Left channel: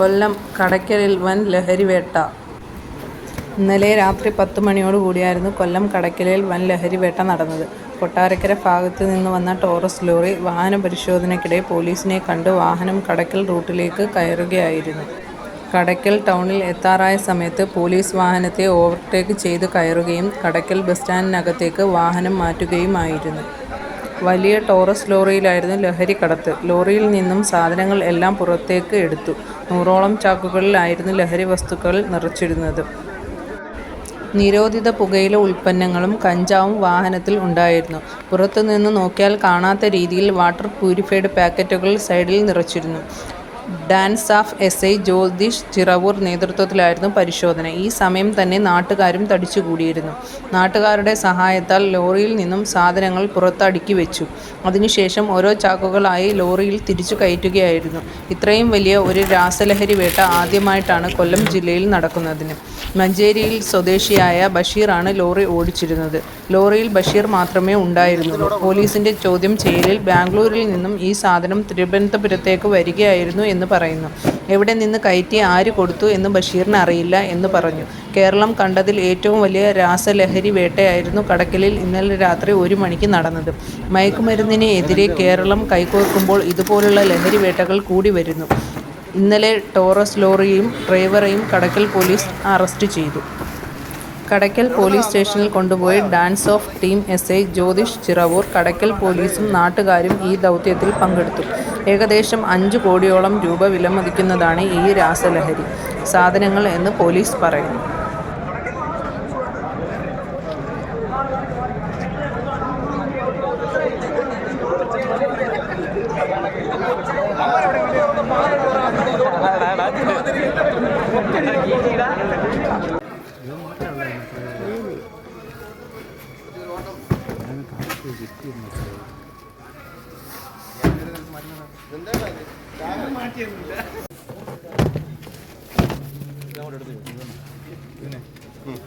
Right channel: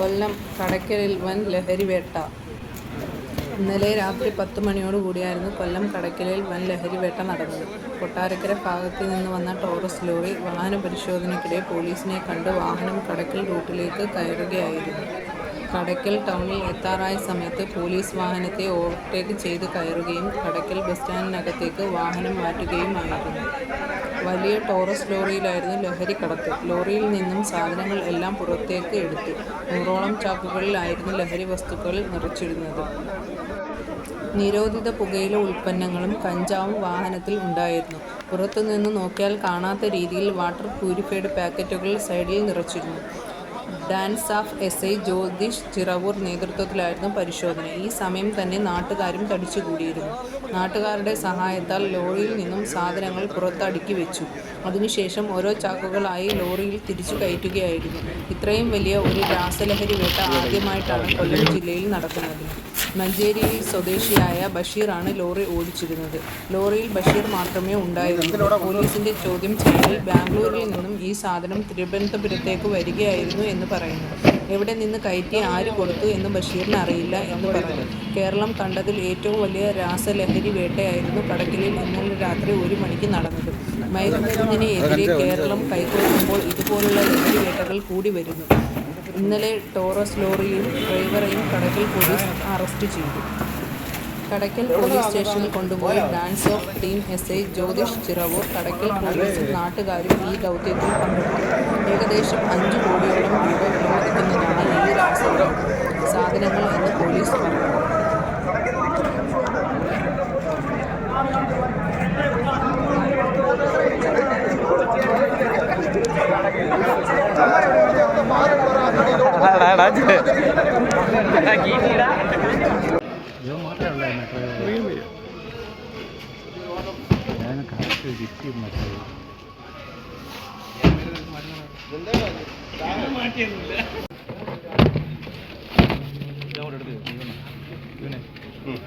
കൊല്ലം കടയ്ക്കലിൽ വൻ ലഹരിവേട്ട. ഇന്നലെ രാത്രി 10 മണിയോടുകൂടിയായിരുന്നു കൊല്ലം കടയ്ക്കലിൽ വൻ ലഹരിവേട്ട നടന്നത്. കൊട്ടാരക്കര ഭാഗത്ത് നിന്ന് വന്ന ടോറസ് ലോറി വാഹന പരിശോധനയ്ക്കിടെ പോലീസിനെ കണ്ട് വാഹനം കടയ്ക്കൽ റൂട്ടിലേക്ക് കയറുകയായിരുന്നു. കടയ്ക്കൽ ടൗണിൽ എത്താറായ സമയത്ത് പോലീസ് വാഹനത്തെ ഓവർടേക്ക് ചെയ്ത് കയറുകയും കടയ്ക്കൽ ബസ് സ്റ്റാൻഡിനകത്തേക്ക് വാഹനം മാറ്റുകയുമായിരുന്നു. വലിയ ടോറസ് ലോറിയിലായിരുന്നു ലഹരി കടത്ത്. ലോറിയിൽ നിന്നും സാധനങ്ങൾ എല്ലാം പുറത്തേക്ക് എടുത്തു. 100ഓളം ചാക്കുകളിലായിരുന്നു ലഹരി വസ്തുക്കൾ നിറച്ചിരുന്നത്. നിരോധിത പുകയില ഉൽപ്പന്നങ്ങളും കഞ്ചാവും വാഹനത്തിൽ ഉണ്ടായിരുന്നു. പുറത്തുനിന്ന് നോക്കിയാൽ കാണാത്ത രീതിയിൽ വാട്ടർ പ്യൂരിഫൈഡ് പാക്കറ്റുകൾ സൈഡിൽ നിറച്ചിരുന്നു. ഡാൻസാഫ് എസ്.ഐ ജ്യോതിഷ് ചിറവൂർ നേതൃത്വത്തിലായിരുന്നു പരിശോധന. ഈ സമയം തന്നെ നാട്ടുകാരും തടിച്ചുകൂടിയിരുന്നു. നാട്ടുകാരുടെ സഹായത്താൽ ലോറിയിൽ നിന്നും സാധനങ്ങൾ പുറത്ത് അടുക്കി വെച്ചു. അതിനുശേഷം ഓരോ ചാക്കുകളായി ലോറിയിൽ തിരിച്ചു കയറ്റുകയായിരുന്നു. ഇത്രയും വലിയ ഒരു രാസലഹരി വേട്ട ആദ്യമായിട്ടാണ് കൊല്ലം ജില്ലയിൽ നടക്കുന്നത്. മഞ്ചേരിയിൽ സ്വദേശിയായ ബഷീറാണ് ലോറി ഓടിച്ചിരുന്നത്. ലോറിയിൽ ബഷീർ മാത്രമേ ഉണ്ടായിരുന്നുള്ളൂ. പോലീസിന്റെ ചോദ്യം ചെയ്യലിൽ ബാംഗ്ലൂരിൽ നിന്നും ഈ സാധനം തിരുവനന്തപുരത്തേക്ക് വരികയായിരുന്നു എന്ന് പറയുന്നു. എവിടെ നിന്ന് കയറ്റി ആര് കൊടുത്തു എന്ന് ബഷീറിന് അറിയില്ല എന്ന് പറഞ്ഞു. കേരളം കണ്ടതിൽ ഏറ്റവും വലിയ രാസലഹരി വേട്ടയായിരുന്നു കടയ്ക്കലിൽ ഇന്നലെ രാത്രി 1 മണിക്ക് നടന്നത്. മയക്കുമരുന്നിന് എതിരെ കേരളം കൈകോർക്കുമ്പോൾ ഇതുപോലുള്ള ലഹരി വേട്ടകൾ കൂടി വരുന്നു. ഇന്നലെ ടോറസ് ലോറിയും ഡ്രൈവറെയും കടയ്ക്കൽ പോലീസ് അറസ്റ്റ് ചെയ്തു. കടയ്ക്കൽ പോലീസ് സ്റ്റേഷനിൽ കൊണ്ടുപോയി DANSAF team SI Jyothish Chiravoor. Kadakkal പോലീസും നാട്ടുകാരും ഈ ദൗത്യത്തിൽ പങ്കെടുത്തു. ഏകദേശം 5 കോടിയോളം രൂപ വിലമതിക്കുന്നതാണ് ഈ രാസലഹരി സാധനങ്ങൾ എന്ന് പോലീസ് പറയുന്നു.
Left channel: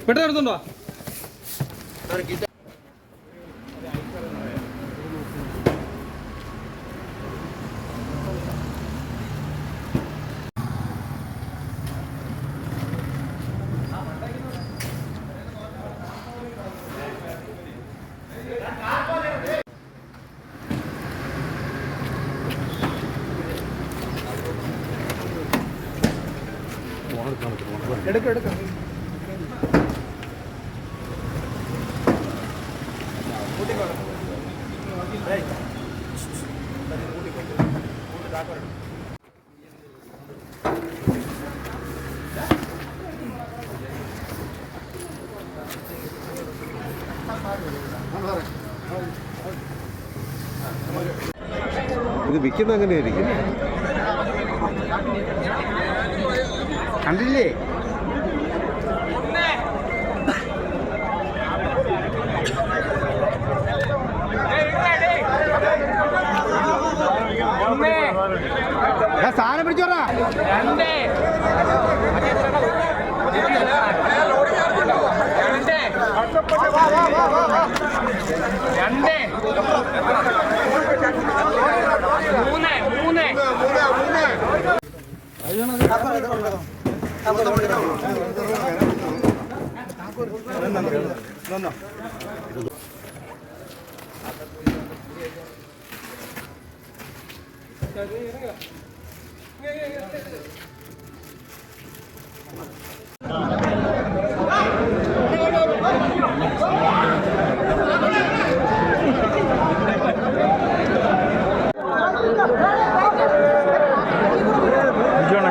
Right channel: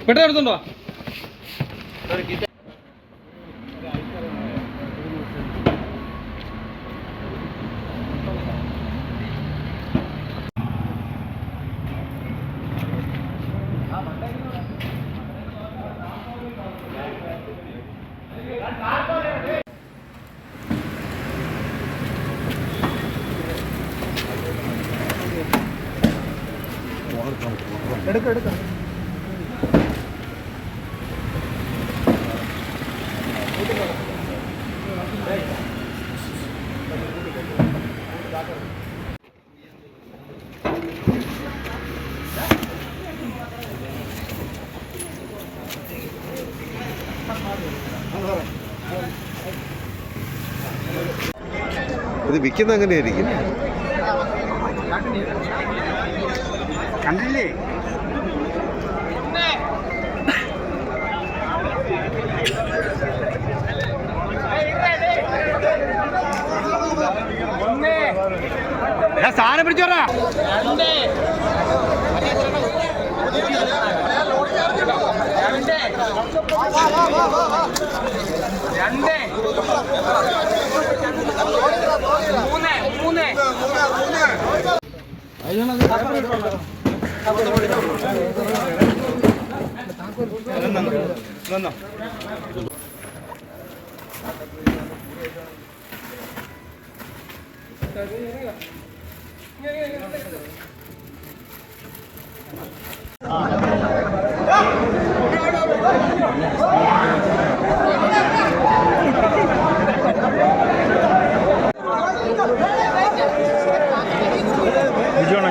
പെട്ടെടുത്തുണ്ടോ? എടുക്കാം. ഇത് വിൽക്കുന്ന എങ്ങനെയായിരിക്കും? കണ്ടില്ലേ? സാധനം പിടിച്ചോറാ.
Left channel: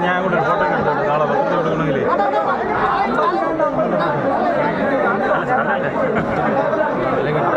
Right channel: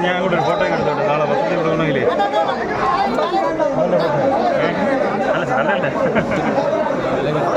ഞാൻ അങ്ങോട്ട് ഫോട്ടോ എടുത്തോട്ടെ. നാളെ ബസ്സിൽ കൊടുക്കണമെങ്കിലേ അല്ലെങ്കിൽ